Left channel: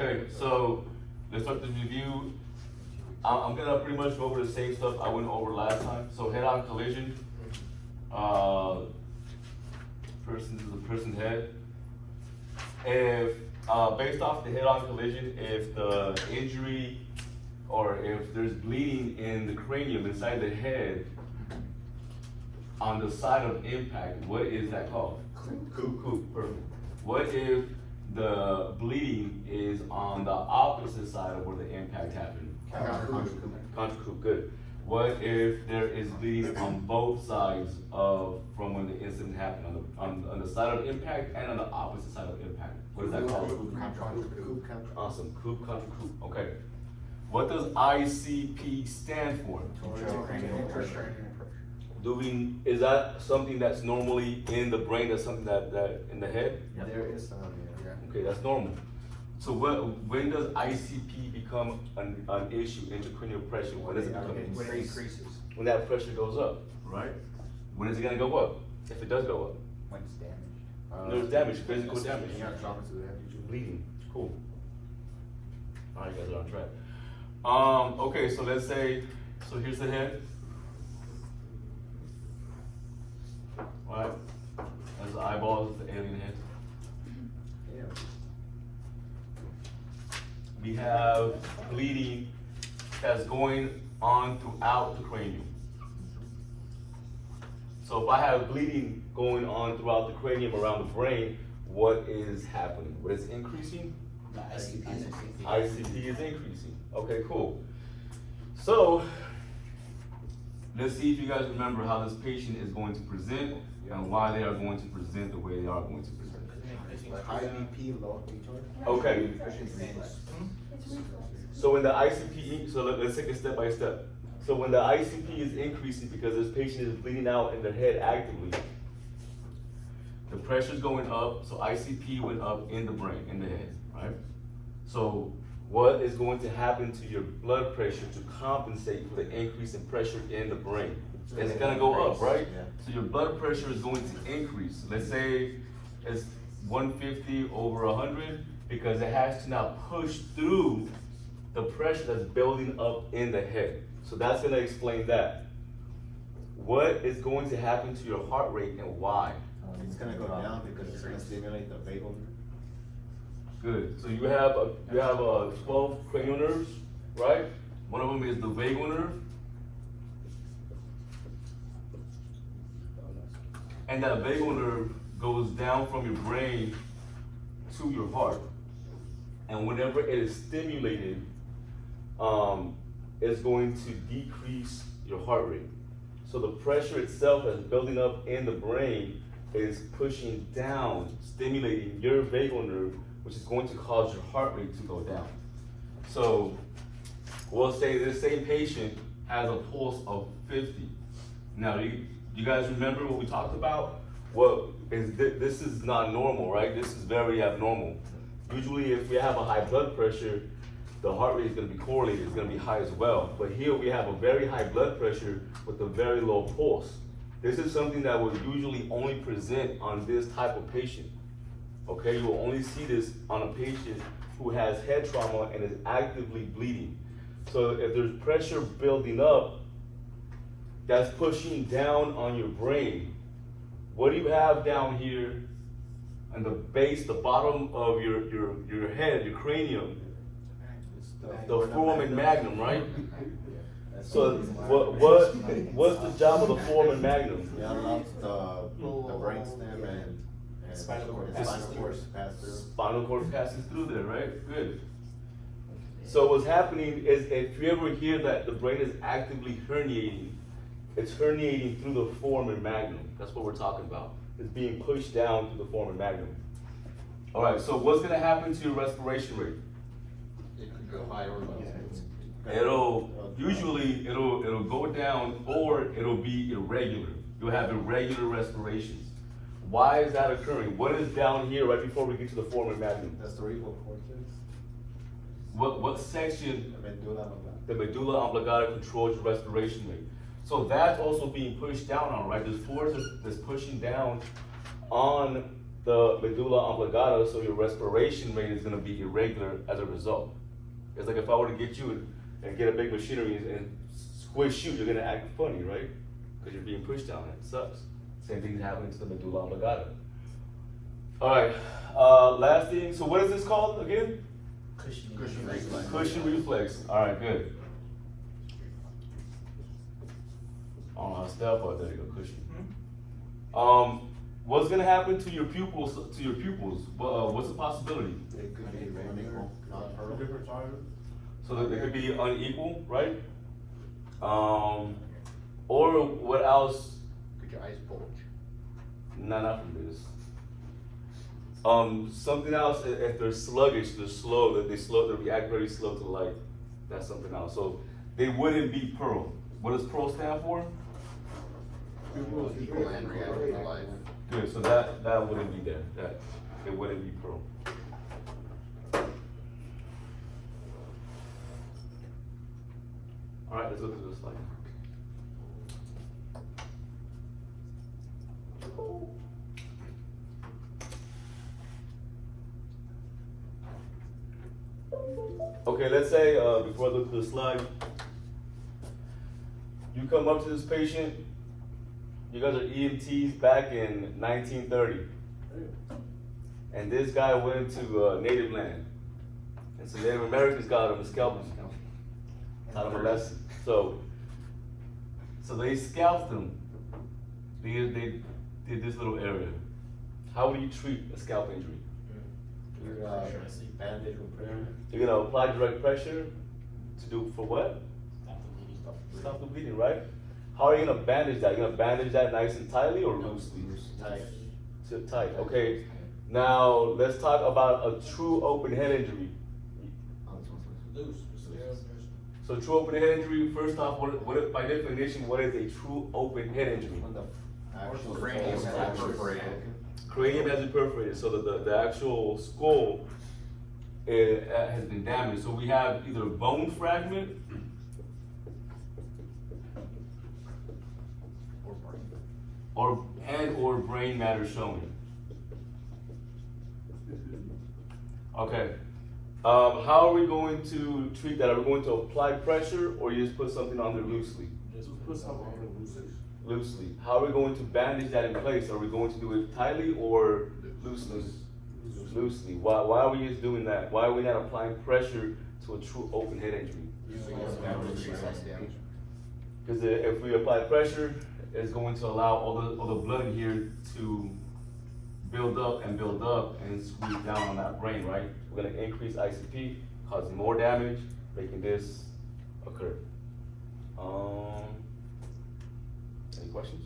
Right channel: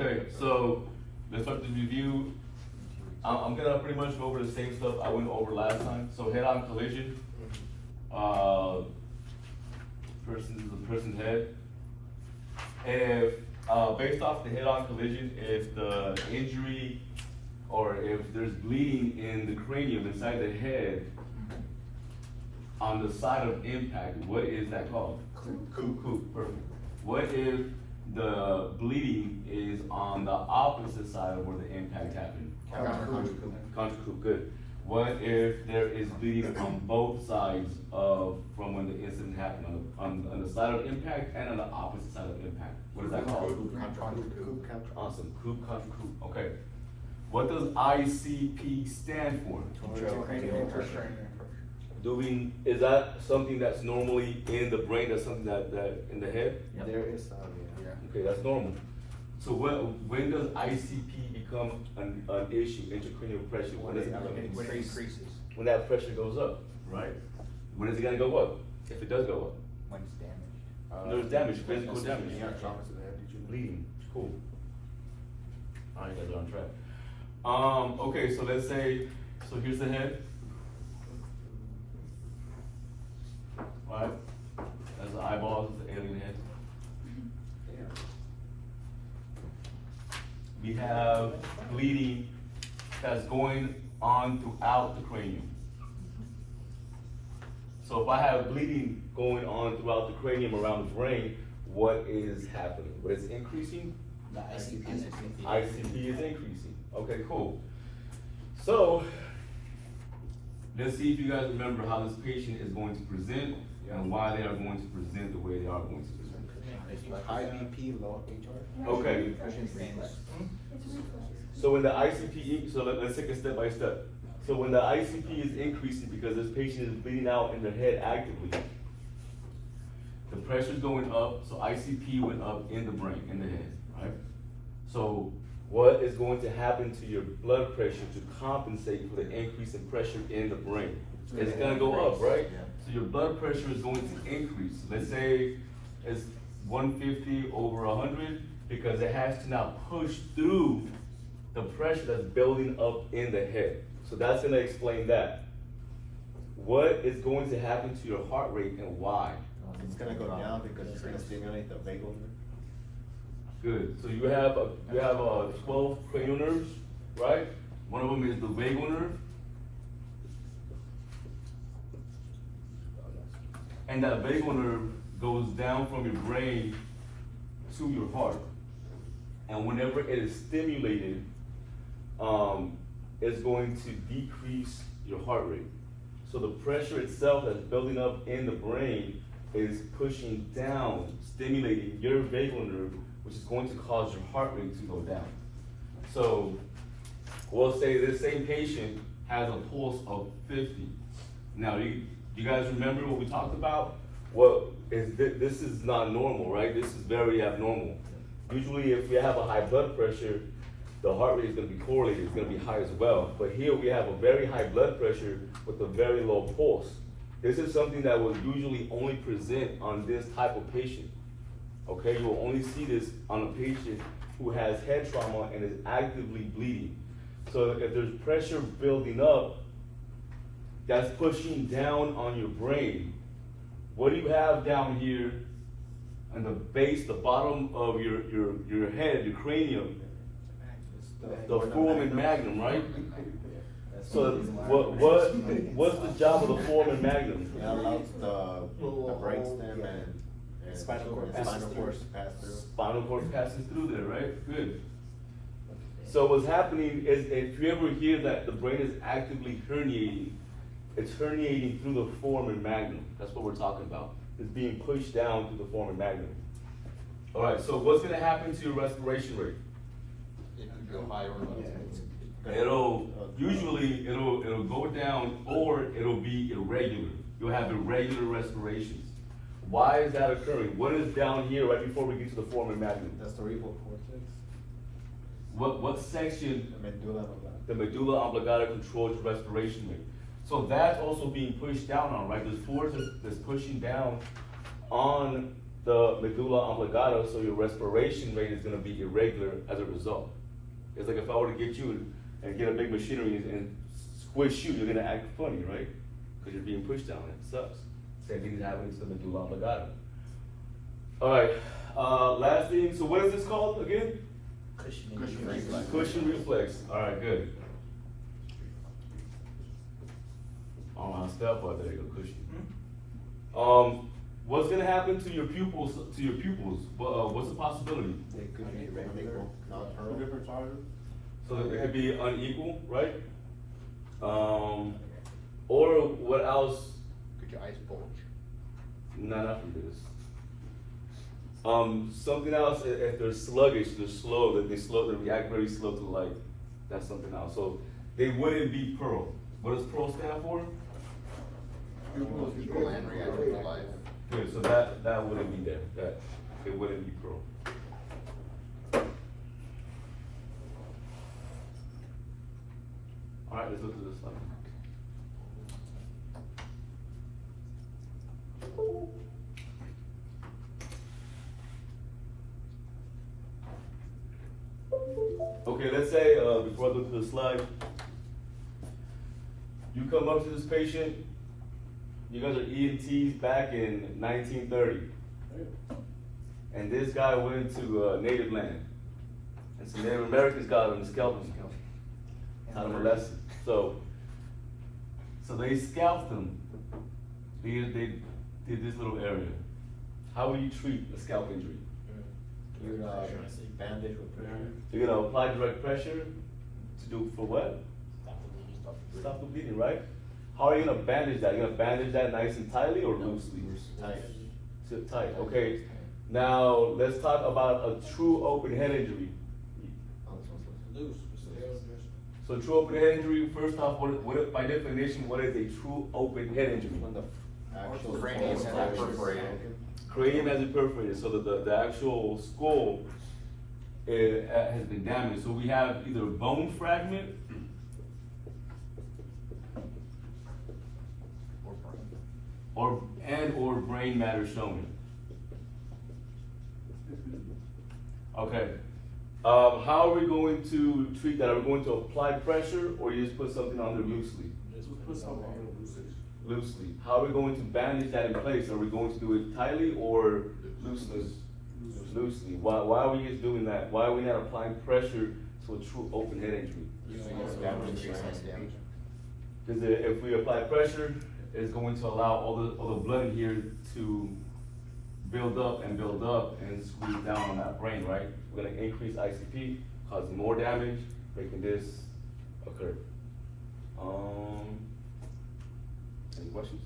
Okay, so let's start the review. I'm gonna pretty much go over the same stuff I went over last time. So head-on collision. Person is a person's head. If based off the head-on collision, if the injury or if there's bleeding in the cranium inside the head on the side of impact, what is that called? Coop. Perfect. What if the bleeding is on the opposite side of where the impact happened? Contra coop. Good. What if there is bleeding on both sides of from when the incident happened, on the side of impact and on the opposite side of impact? What is that called? Awesome. Coop, contra coop. Okay. What does ICP stand for? Is that something that's normally in the brain? That's something that in the head? Yeah. There is some, yeah. Okay, that's normal. So when does ICP become an issue, intracranial pressure? When does it become an issue? When it increases. When that pressure goes up, right? When is it gonna go up? If it does go up? When it's damaged. There's damage, physical damage. Yeah, traumas that have to Bleeding, cool. All right, you guys are on track. Okay, so let's say, so here's the head. All right, that's the eyeballs, the alien head. Yeah. We have bleeding that's going on throughout the cranium. So if I have bleeding going on throughout the cranium around the brain, what is happening? What is increasing? The ICP is increasing. ICP is increasing. Okay, cool. So let's see if you guys remember how this patient is going to present and why they are going to present the way they are going to present. High BP, low auditory. Okay. Cushing Reflex. So when the ICP, so let's take it step by step. So when the ICP is increasing because this patient is bleeding out in their head actively, the pressure is going up, so ICP went up in the brain, in the head, right? So what is going to happen to your blood pressure to compensate for the increase in pressure in the brain? It's gonna go up, right? So your blood pressure is going to increase. Let's say it's 150 over 100 because it has to now push through the pressure that's building up in the head. So that's gonna explain that. What is going to happen to your heart rate and why? It's gonna go down because it's gonna stimulate the vagal nerve. Good. So you have 12 cranial nerves, right? One of them is the vagal nerve. And that vagal nerve goes down from your brain to your heart. And whenever it is stimulated, it's going to decrease your heart rate. So the pressure itself that's building up in the brain is pushing down, stimulating your vagal nerve, which is going to cause your heart rate to go down. So we'll say this same patient has a pulse of 50. Now, you guys remember what we talked about? This is not normal, right? This is very abnormal. Usually if we have a high blood pressure, the heart rate is gonna be correlated, it's gonna be high as well. But here we have a very high blood pressure with a very low pulse. This is something that will usually only present on this type of patient. Okay, you will only see this on a patient who has head trauma and is actively bleeding. So if there's pressure building up, that's pushing down on your brain. What do you have down here on the base, the bottom of your head, your cranium? The foramen magnum, right? So what's the job of the foramen magnum? It allows the brainstem and spinal cord to pass through. Spinal cord passes through there, right? Good. So what's happening is if you ever hear that the brain is actively herniating, it's herniating through the foramen magnum. That's what we're talking about. It's being pushed down through the foramen magnum. All right, so what's gonna happen to your respiration rate? It could go higher or lower. It'll go down or it'll be irregular. You'll have irregular respirations. Why is that occurring? What is down here right before we get to the foramen magnum? The cerebral cortex. What section? The medulla oblongata. The medulla oblongata controls your respiration rate. So that's also being pushed down on, right? There's force that's pushing down on the medulla oblongata, so your respiration rate is gonna be irregular as a result. It's like if I were to get you and get a big machinery and squish you, you're gonna act funny, right? Because you're being pushed down, and it sucks. Same thing is happening to the medulla oblongata. All right, last thing, so what is this called again? Cushing reflex. Cushing reflex. All right, good. Step up, there you go, Cushing. What's gonna happen to your pupils? What's the possibility? It could be unequal, not pearl. So that it could be unequal, right? Or what else? Could your eyes bulge? Not from this. Something else, if they're sluggish, they're slow, they react very slow to light. That's something else. So they wouldn't be pearl. What does pearl stand for? Equal and reactive to life. Good, so that wouldn't be there. That it wouldn't be pearl. All right, let's look at this slide. Okay, let's say, before I look at the slide, you come up to this patient, you guys are EMTs back in 1930. And this guy went into native land. And some Native Americans got him and scalped him. Taught him a lesson. So they scalped him. They did this little area. How would you treat a scalp injury? You're bandage with pressure. You're gonna apply direct pressure to do for what? Stop the bleeding, right? How are you gonna bandage that? You're gonna bandage that nice and tightly or loosely? Tight. Sit tight. Okay. Now let's talk about a true open head injury. Loose. So true open head injury. First off, what by definition, what is a true open head injury? Actual Cranium false is fracture. perforated. Cranium has been perforated, so the actual skull has been damaged. So we have either a bone fragment or brain matter showing. Okay. How are we going to treat that? Are we going to apply pressure or you just put something on there loosely? Loosely. How are we going to bandage that in place? Are we going to do it tightly or loosely? Loosely. Why are we just doing that? Why are we not applying pressure to a true open head injury? Because if we apply pressure, it's going to allow all the blood in here to build up and squeeze down on that brain, right? We're gonna increase ICP, causing more damage, making this occur. Any questions?